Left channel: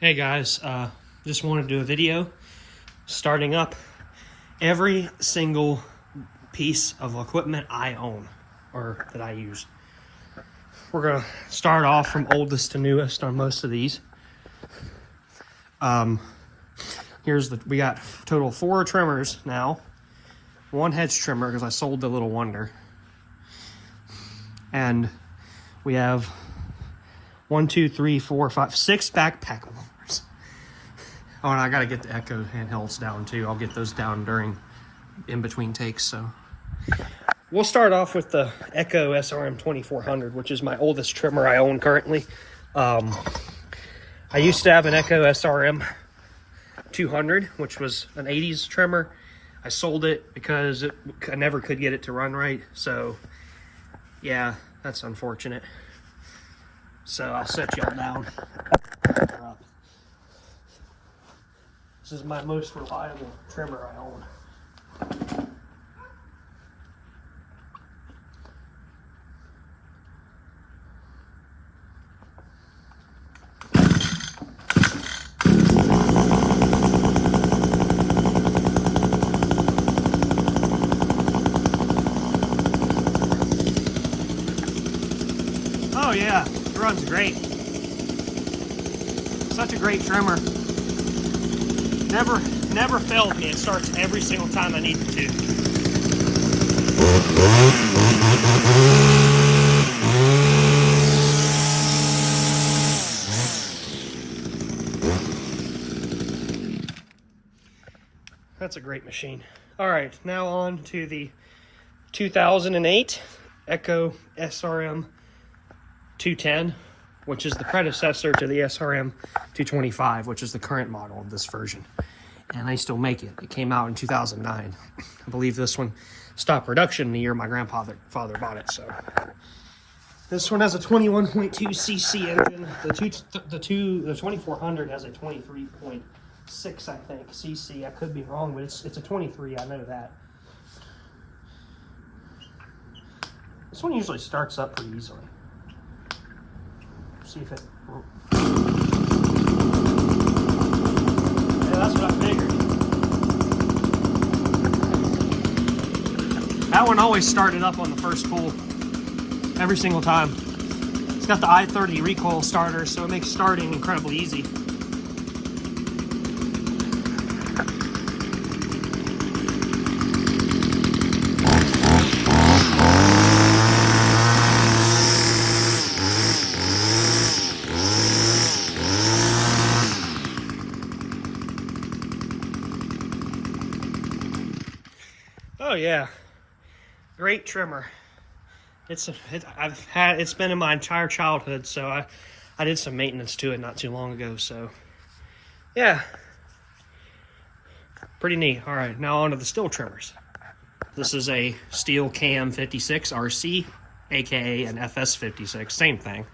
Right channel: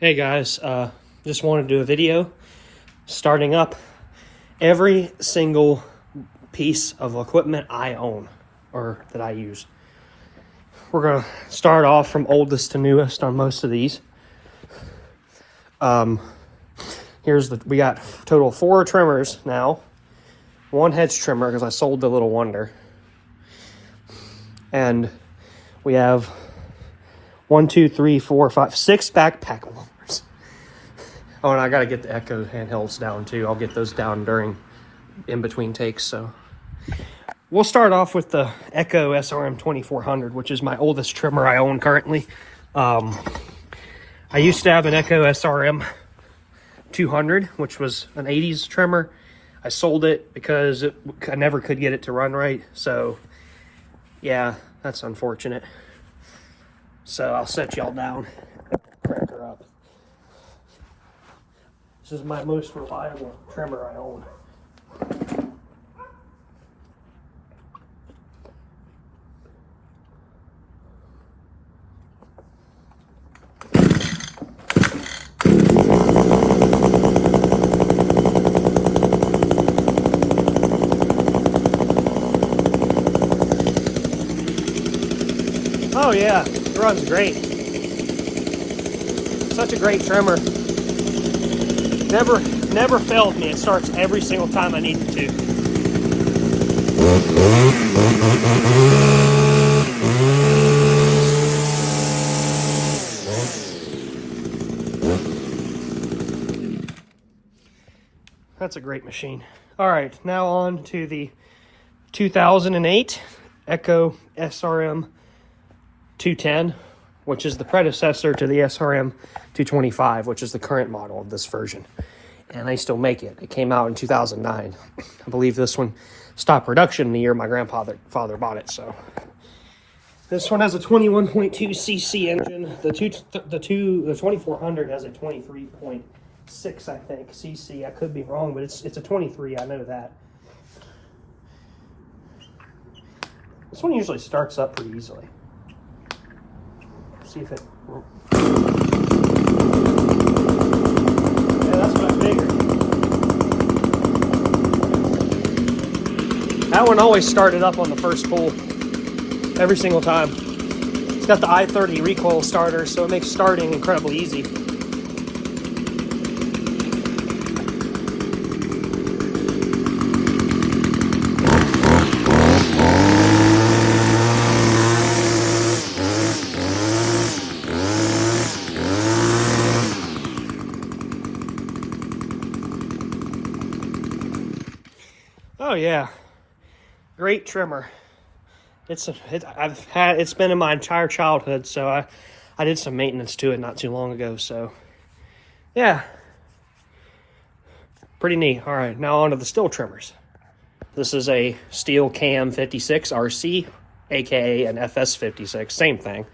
Hey guys, just wanted to do a video starting up every single piece of equipment I own or that I use. We're gonna start off from oldest to newest on most of these. We got total 4 trimmers now, 1 hedge trimmer because I sold the Little Wonder, and we have 1, 2, 3, 4, 5, 6 backpack warmers. Oh, and I gotta get the Echo handhelds down too. I'll get those down in between takes. So we'll start off with the Echo SRM 2400, which is my oldest trimmer I own currently. I used to have an Echo SRM 200, which was an 80s trimmer. I sold it because I never could get it to run right. So yeah, that's unfortunate. So I'll set y'all down. This is my most reliable trimmer I own. Oh yeah, it runs great. Such a great trimmer. Never failed me. It starts every single time I need it to. That's a great machine. All right, now on to the 2008 Echo SRM 210, which is the predecessor to the SRM 225, which is the current model of this version. And they still make it. It came out in 2009. I believe this one stopped production the year my father bought it. So this one has a 21.2 cc engine. The 2400 has a 23.6, I think, cc. I could be wrong, but it's a 23. I know that. This one usually starts up pretty easily. See if it. Yeah, that's what I figured. That one always started up on the first pull, every single time. It's got the i30 recoil starter, so it makes starting incredibly easy. Oh yeah, great trimmer. It's been in my entire childhood, so I did some maintenance to it not too long ago. So yeah, pretty neat. All right, now on to the Stihl trimmers. This is a Stihl KM 56 RC, aka an FS 56, same thing.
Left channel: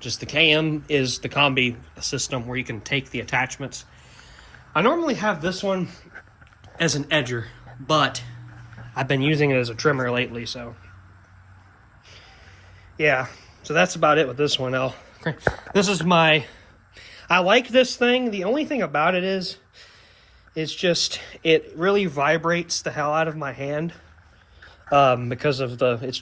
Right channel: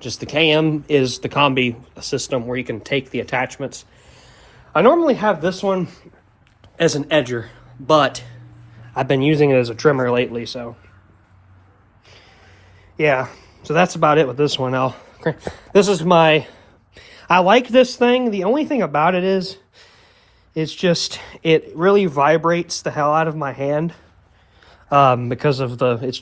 Just the KM is the combi system where you can take the attachments. I normally have this one as an edger, but I've been using it as a trimmer lately, so yeah. So that's about it with this one. This is I like this thing. The only thing about it is just it really vibrates the hell out of my hand because of it's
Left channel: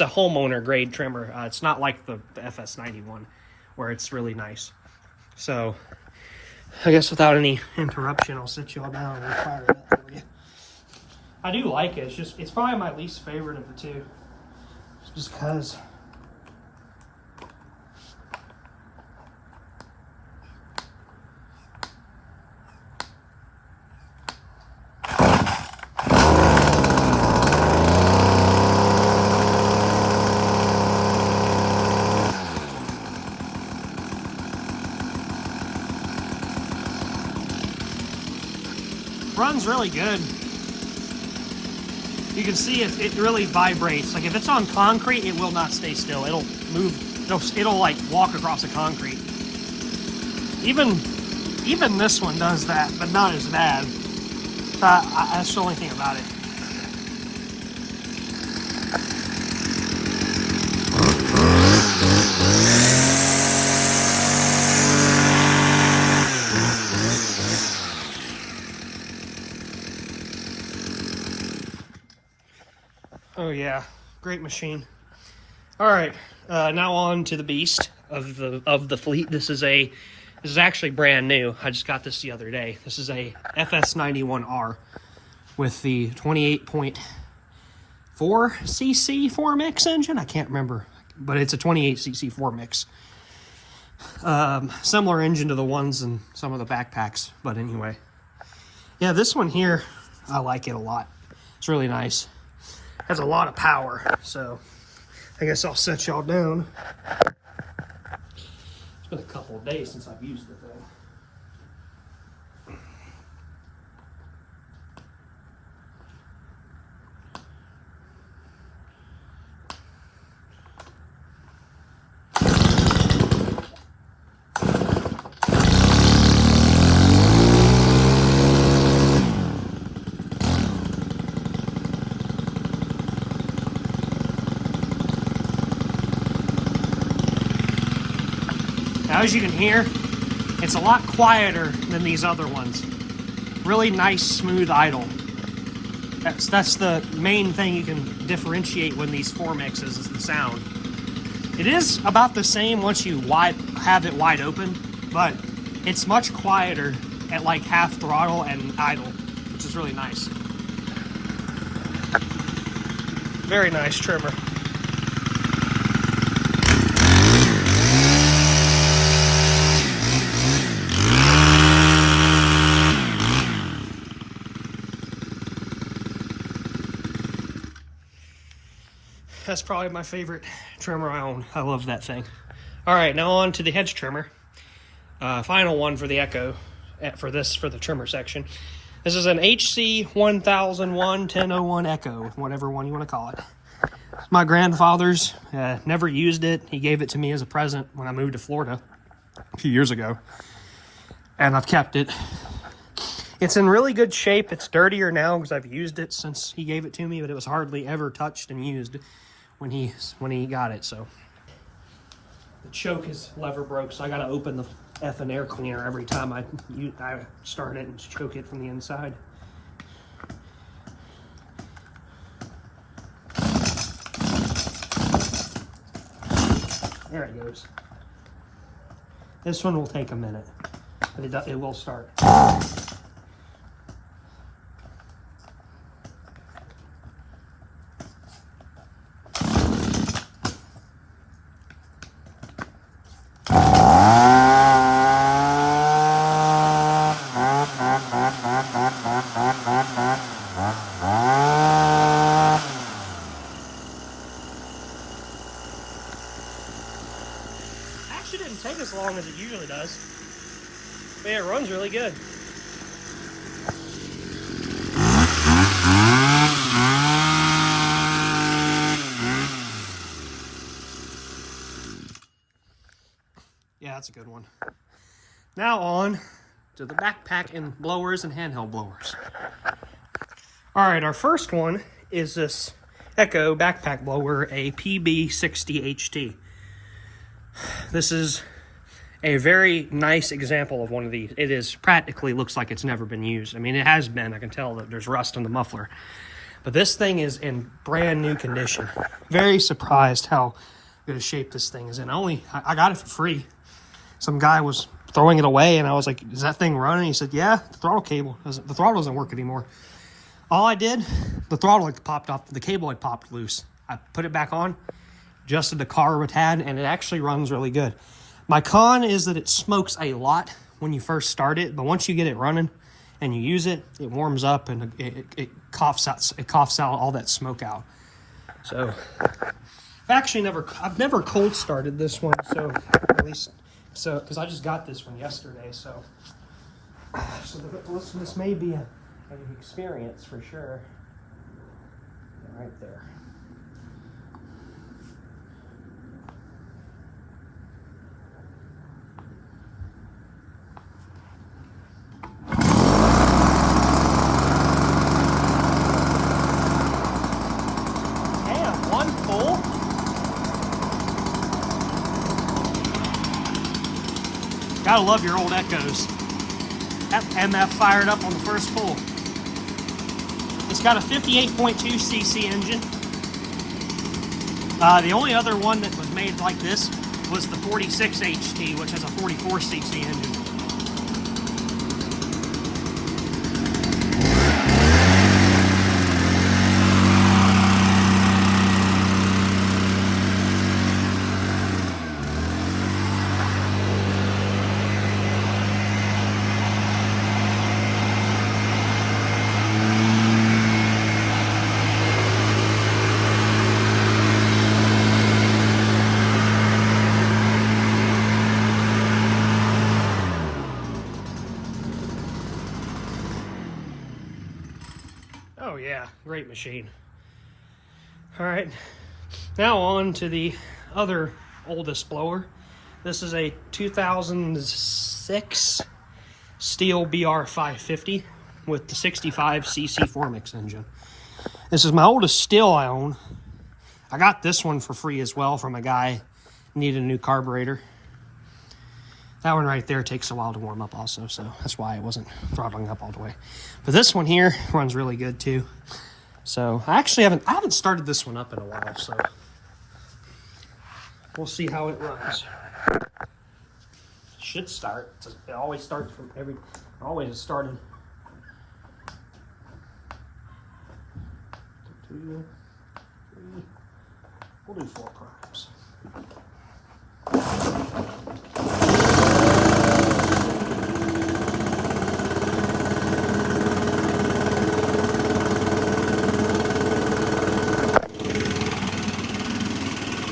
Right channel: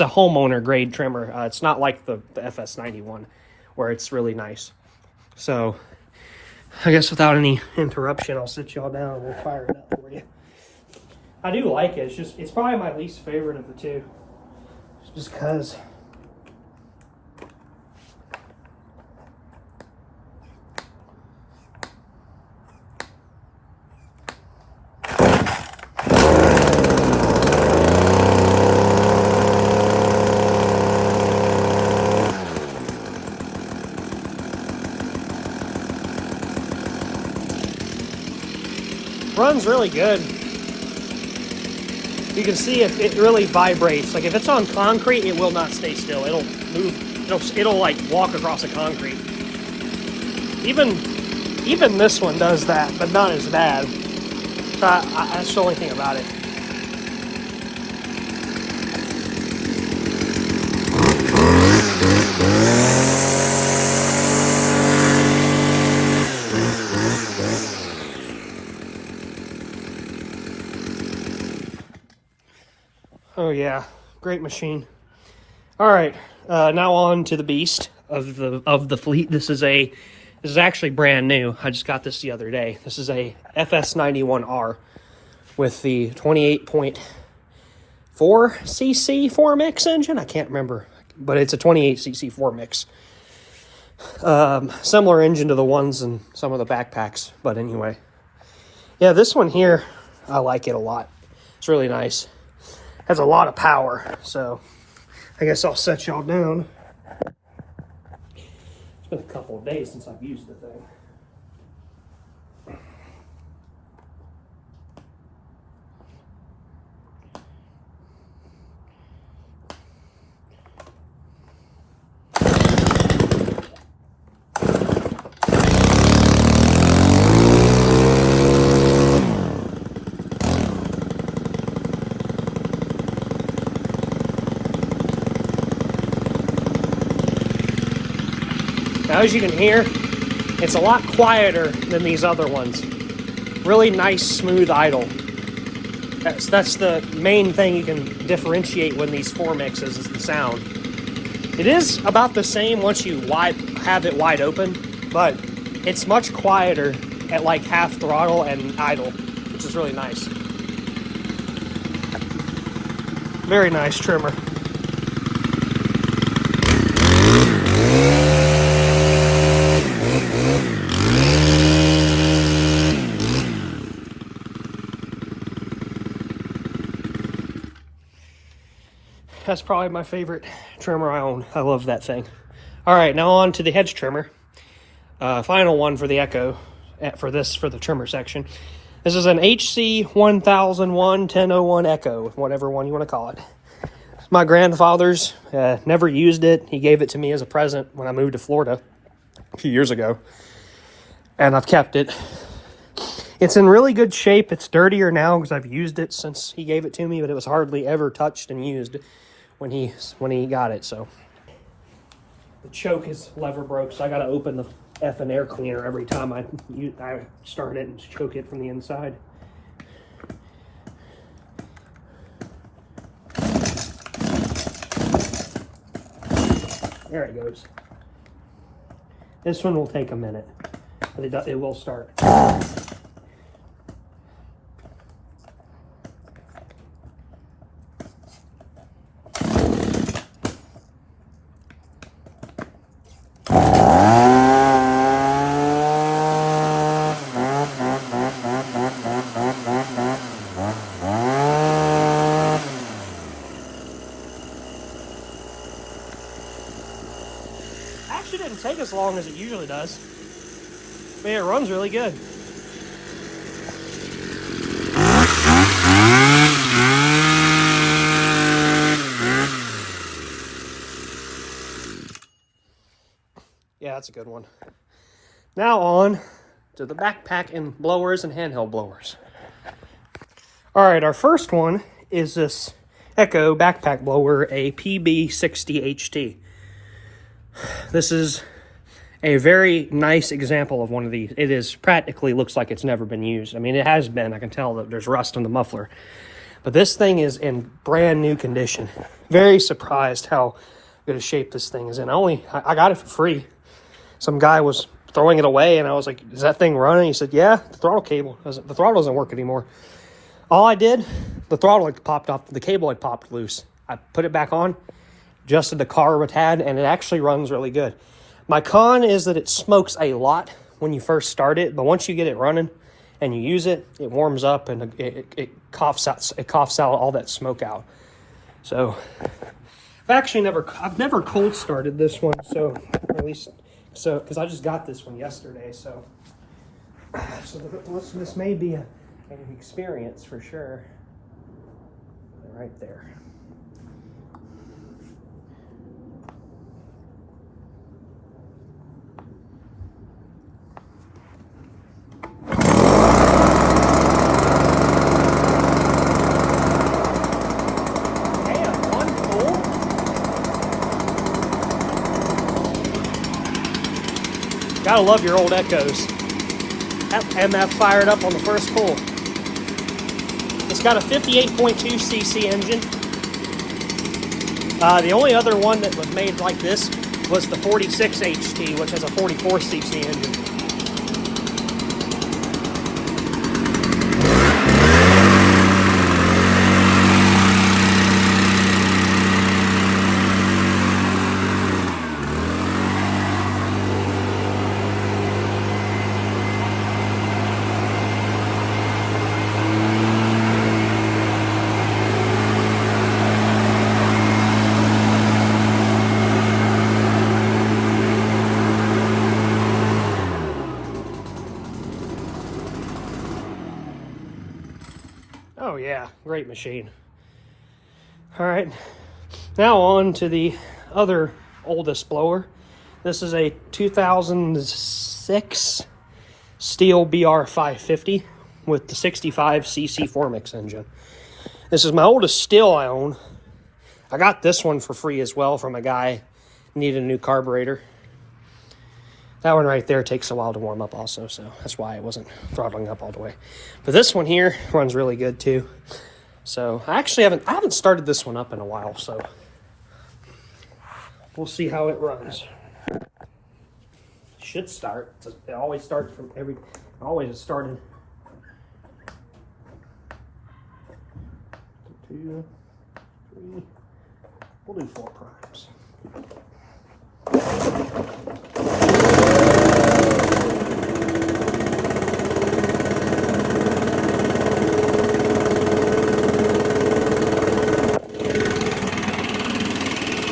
a homeowner grade trimmer. It's not like the FS91 where it's really nice. So I guess without any interruption, I'll sit y'all down and we'll fire it up for you. I do like it. It's probably my least favorite of the two. Just because. Runs really good. You can see it really vibrates. Like if it's on concrete, it will not stay still. It'll move. It'll like walk across the concrete. Even this one does that, but not as bad. That's the only thing about it. Oh yeah, great machine. All right, now on to the beast of the fleet. This is actually brand new. I just got this the other day. This is a FS91R with the 28.4 cc 4MX engine. I can't remember, but it's a 28 cc 4MX. Similar engine to the ones in some of the backpacks, but anyway. Yeah, this one here, I like it a lot. It's really nice. Has a lot of power, so I guess I'll set y'all down. It's been a couple of days since I've used the thing. Now, as you can hear, it's a lot quieter than these other ones. Really nice, smooth idle. That's the main thing you can differentiate when these 4MXs is the sound. It is about the same once you have it wide open, but it's much quieter at like half throttle and idle, which is really nice. Very nice trimmer. That's probably my favorite trimmer I own. I love that thing. All right, now on to the hedge trimmer. Final one for the Echo, for the trimmer section. This is an HC 1001 1001 Echo, whatever one you want to call it. My grandfather's, never used it. He gave it to me as a present when I moved to Florida a few years ago, and I've kept it. It's in really good shape. It's dirtier now because I've used it since he gave it to me, but it was hardly ever touched and used when he got it. So the choke is lever broke, so I got to open the effing air cleaner every time I start it and choke it from the inside. There it goes. This one will take a minute, but it will start. Actually didn't take as long as it usually does. I mean, it runs really good. Yeah, that's a good one. Now on to the backpack and blowers and handheld blowers. All right, our first one is this Echo backpack blower, a PB60HT. This is a very nice example of one of these. It is practically looks like it's never been used. I mean, it has been. I can tell that there's rust on the muffler. But this thing is in brand new condition. Very surprised how good a shape this thing is in. I got it for free. Some guy was throwing it away, and I was like, is that thing running? He said, yeah, the throttle doesn't work anymore. All I did, the throttle had popped off, the cable had popped loose. I put it back on, adjusted the carb it had, and it actually runs really good. My con is that it smokes a lot when you first start it, but once you get it running and you use it, it warms up and it coughs out all that smoke out. So I've never cold started this one, so at least because I just got this one yesterday, so this may be an experience for sure. Right there. Gotta love your old Echoes. That MF fired up on the first pull. It's got a 58.2 cc engine. The only other one that was made like this was the 46 HT, which has a 44 cc engine. Oh yeah, great machine. All right, now on to the other oldest blower. This is a 2006 Stihl BR550 with the 65 cc 4-mix engine. This is my oldest Stihl I own. I got this one for free as well from a guy who needed a new carburetor. That one right there takes a while to warm up also, so that's why it wasn't throttling up all the way. But this one here runs really good too. So I haven't started this one up in a while, so we'll see how it runs. It should start. It always starts from always is started. 2, 3. We'll do 4 primes.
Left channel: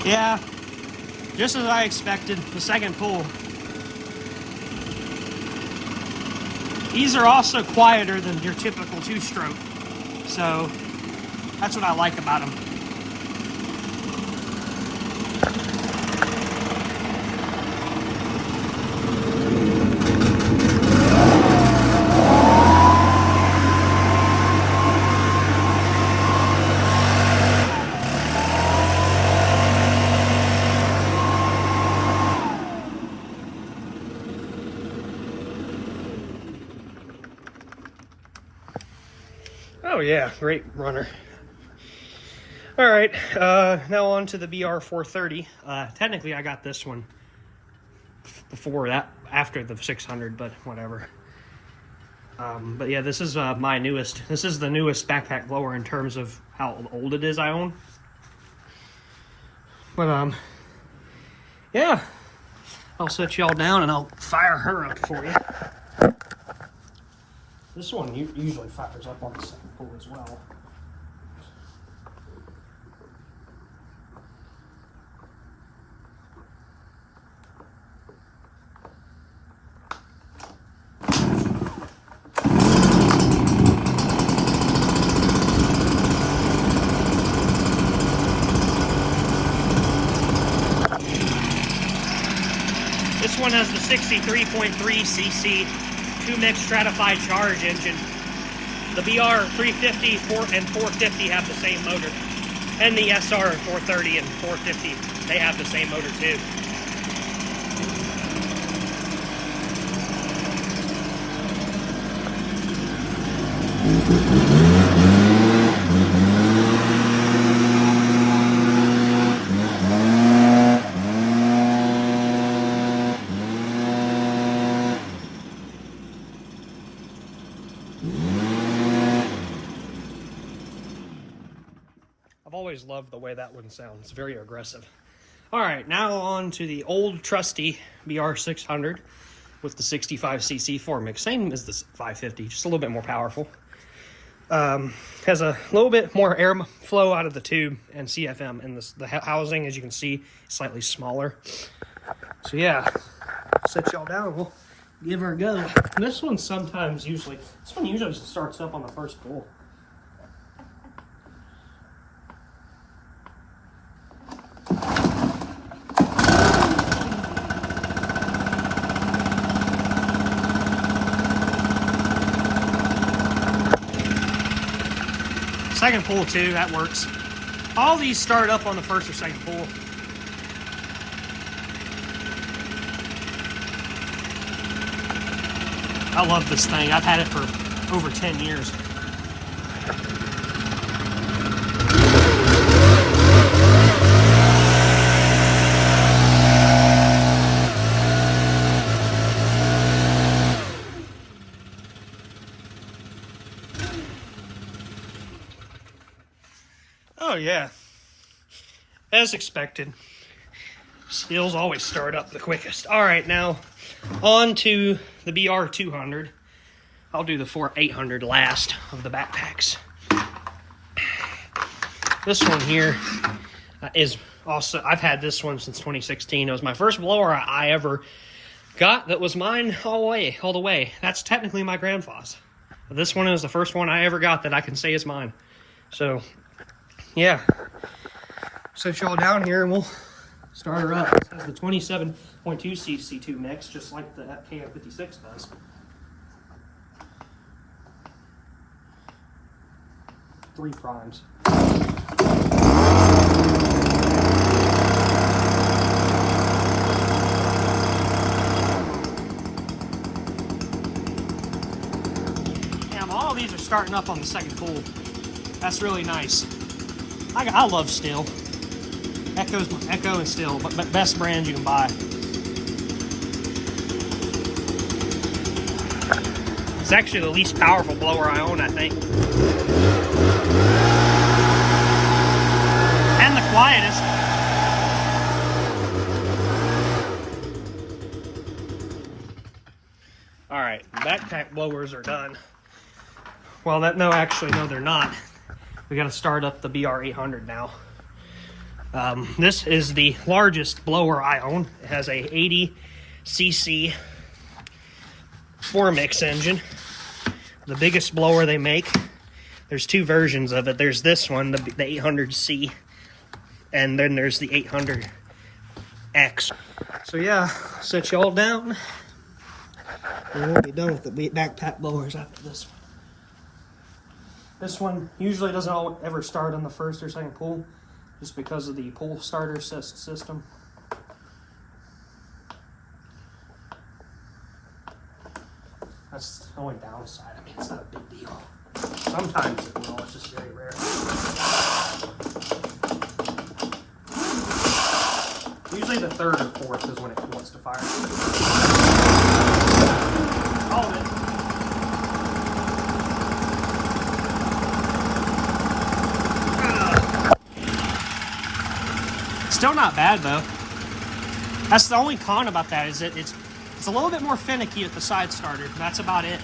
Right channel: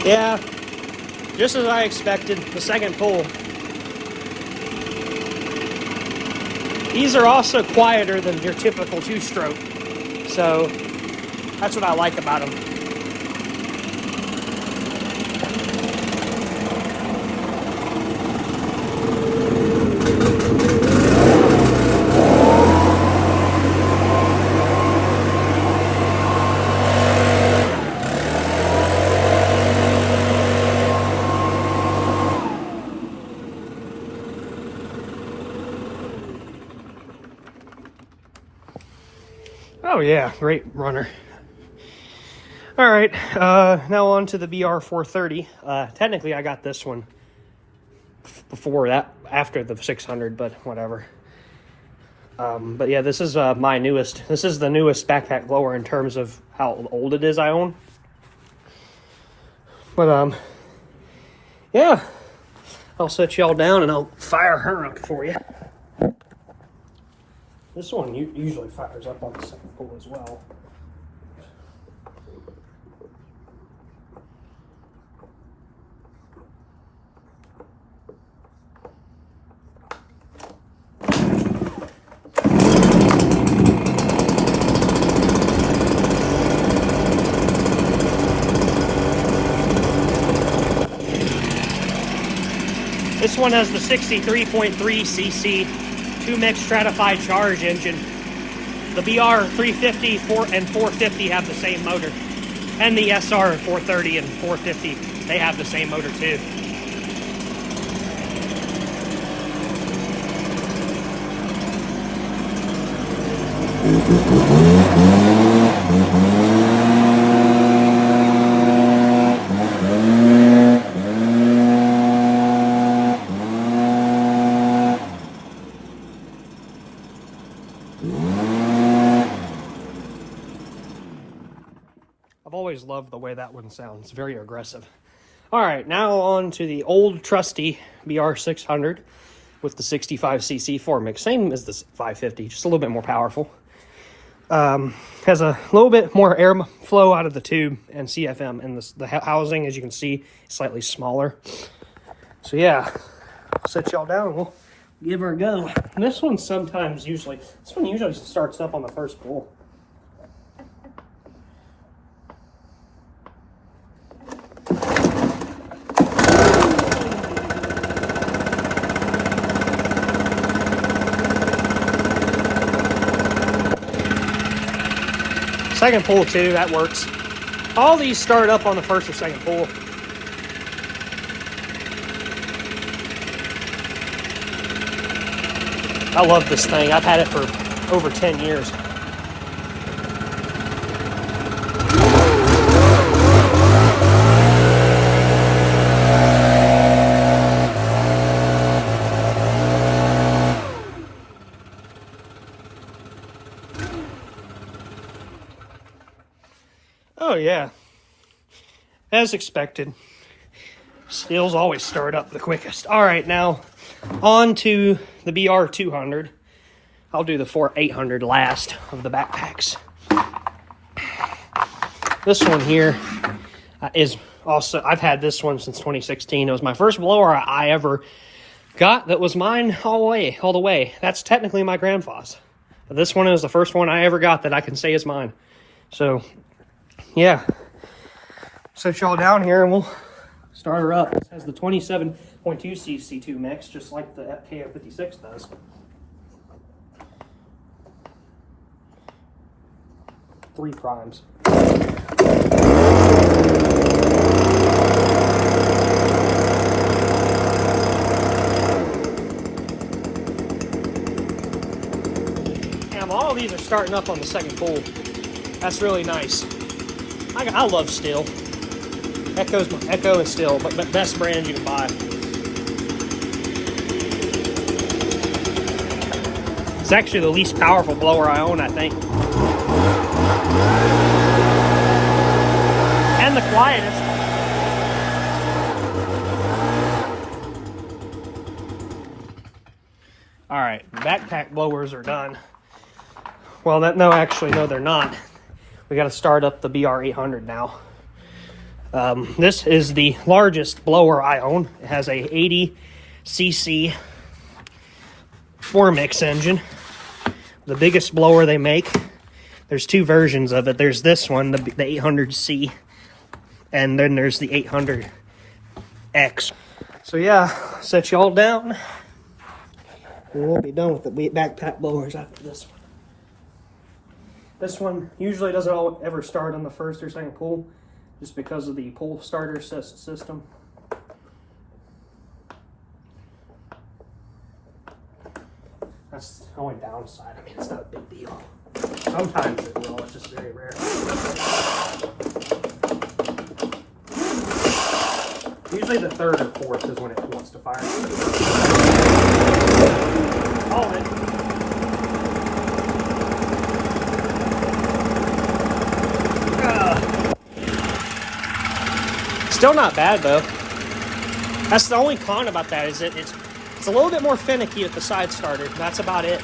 Yeah, just as I expected, the second pull. These are also quieter than your typical 2-stroke, so that's what I like about them. Oh yeah, great runner. All right, now on to the BR430. Technically, I got this one before that, after the 600, but whatever. But yeah, this is my newest. This is the newest backpack blower in terms of how old it is I own. But yeah, I'll set y'all down and I'll fire her up for you. This one usually fires up on the second pull as well. This one has the 63.3 cc 2-mix stratified charge engine. The BR 350 and 450 have the same motor. And the SR 430 and 450, they have the same motor too. I've always loved the way that one sounds, very aggressive. All right, now on to the old trusty BR600 with the 65cc 4-mix, same as the 550, just a little bit more powerful. Has a little bit more air flow out of the tube and CFM, and the housing, as you can see, is slightly smaller. So yeah, set y'all down and we'll give her a go. And this one usually starts up on the first pull. Second pull too, that works. All these start up on the first or second pull. I love this thing. I've had it for over 10 years. yeah. As expected. Stihl's always stirred up the quickest. All right, now on to the BR200. I'll do the 800 last of the backpacks. This one here is also, I've had this one since 2016. It was my first blower I ever got that was mine all the way. That's technically my grandpa's. But this one is the first one I ever got that I can say is mine. So, yeah. Set y'all down here and we'll start her up. It has the 27.2 cc2 mix, just like the KO56 does. Three primes. Damn, all of these are starting up on the second pull. That's really nice. I love Stihl. Echo and Stihl, but best brand you can buy. It's actually the least powerful blower I own, I think. And the quietest. All right, backpack blowers are done. Well, no, they're not. We got to start up the BR800 now. This is the largest blower I own. It has a 80 cc 4-mix engine. The biggest blower they make. There's two versions of it. There's this one, the 800C, and then there's the 800X. So yeah, set you all down. We won't be done with the backpack blowers after this one. This one usually doesn't ever start on the first or second pull, just because of the pull starter system. That's the only downside. I mean, it's not a big deal. Sometimes it will, it's just very rare. Usually the third or fourth is when it wants to fire. Hold it. Still not bad though. That's the only con about that, is it's a little bit more finicky at the side starter. That's about it.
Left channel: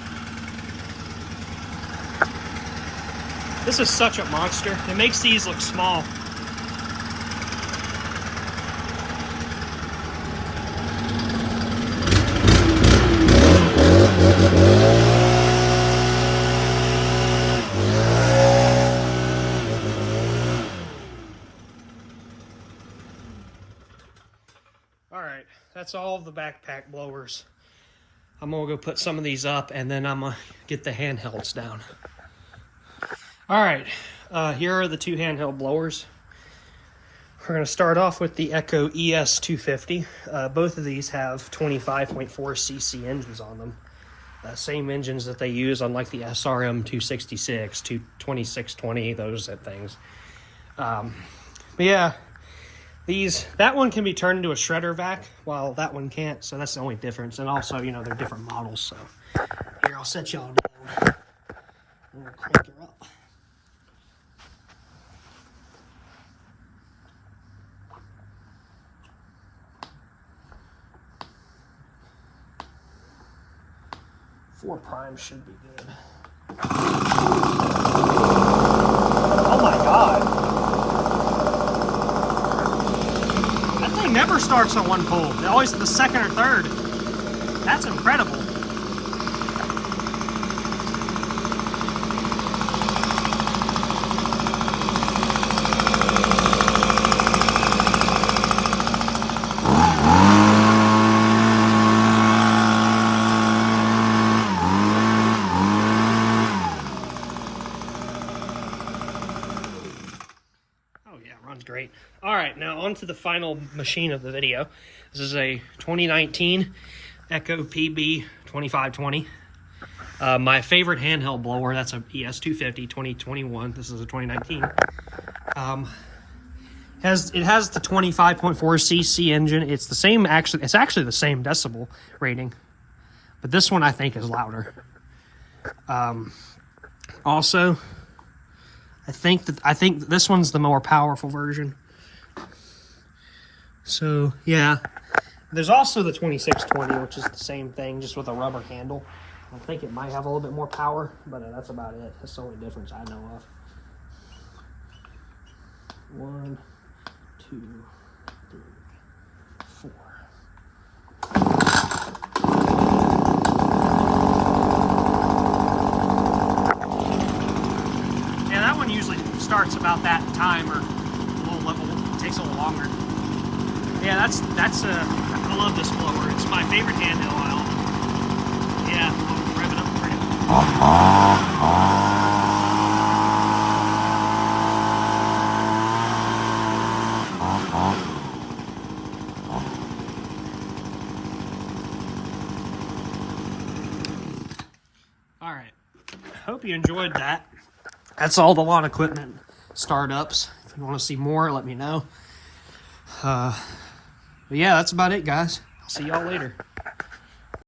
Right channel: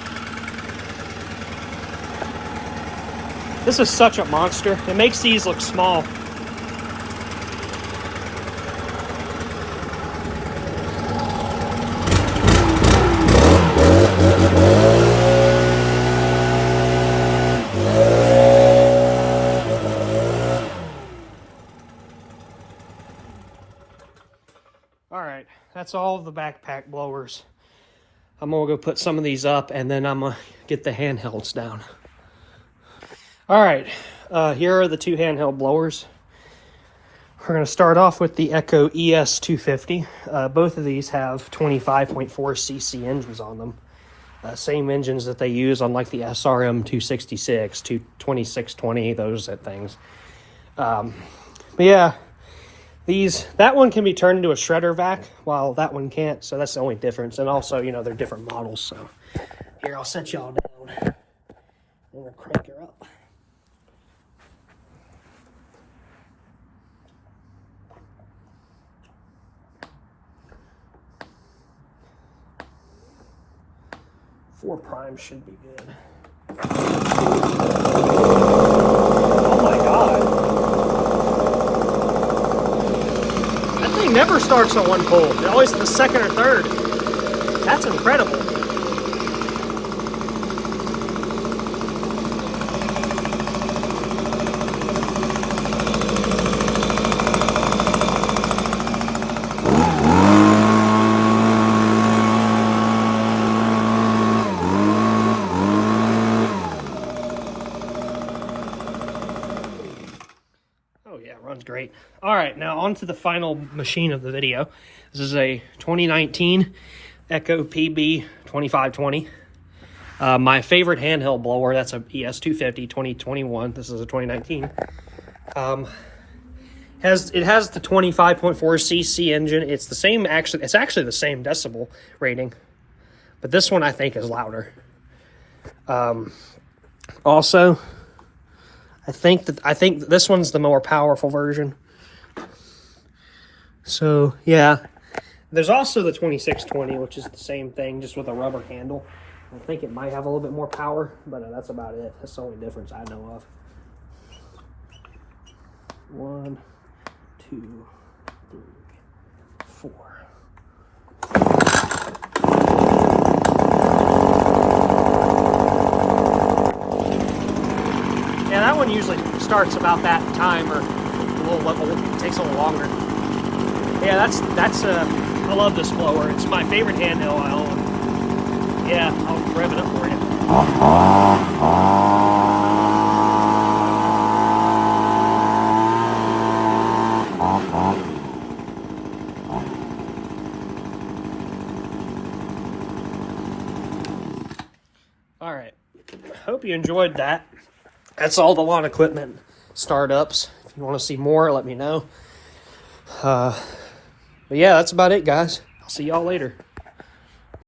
This is such a monster. It makes these look small. Alright, that's all of the backpack blowers. I'm gonna go put some of these up and then I'm gonna get the handhelds down. Alright, here are the two handheld blowers. We're gonna start off with the Echo ES250. Both of these have 25.4 cc engines on them. Same engines that they use on like the SRM 266, 2620, those things. But yeah, that one can be turned into a shredder vac, while that one can't, so that's the only difference. And also, you know, they're different models, so. Here, I'll set y'all down. And we'll crank her up. Four primes should be good. Oh my god. That thing never starts on one pull. They're always the second or third. That's incredible. Runs great. All right, now on to the final machine of the video. This is a 2019 Echo PB 2520. My favorite handheld blower. That's a ES250 2021. This is a 2019. It has the 25.4 cc engine. It's the same. It's actually the same decibel rating, but this one I think is louder. Also, I think this one's the more powerful version. So yeah, there's also the 2620, which is the same thing, just with a rubber handle. I think it might have a little bit more power, but that's about it. That's the only difference I know of. 1, 2, 3, 4. Yeah, that one usually starts about that time, or it takes a little longer. Yeah, I love this blower. It's my favorite handheld I own. Yeah, I'll rev it up for you. All right, hope you enjoyed that. That's all the lawn equipment startups. If you want to see more, let me know. But yeah, that's about it, guys. I'll see y'all later.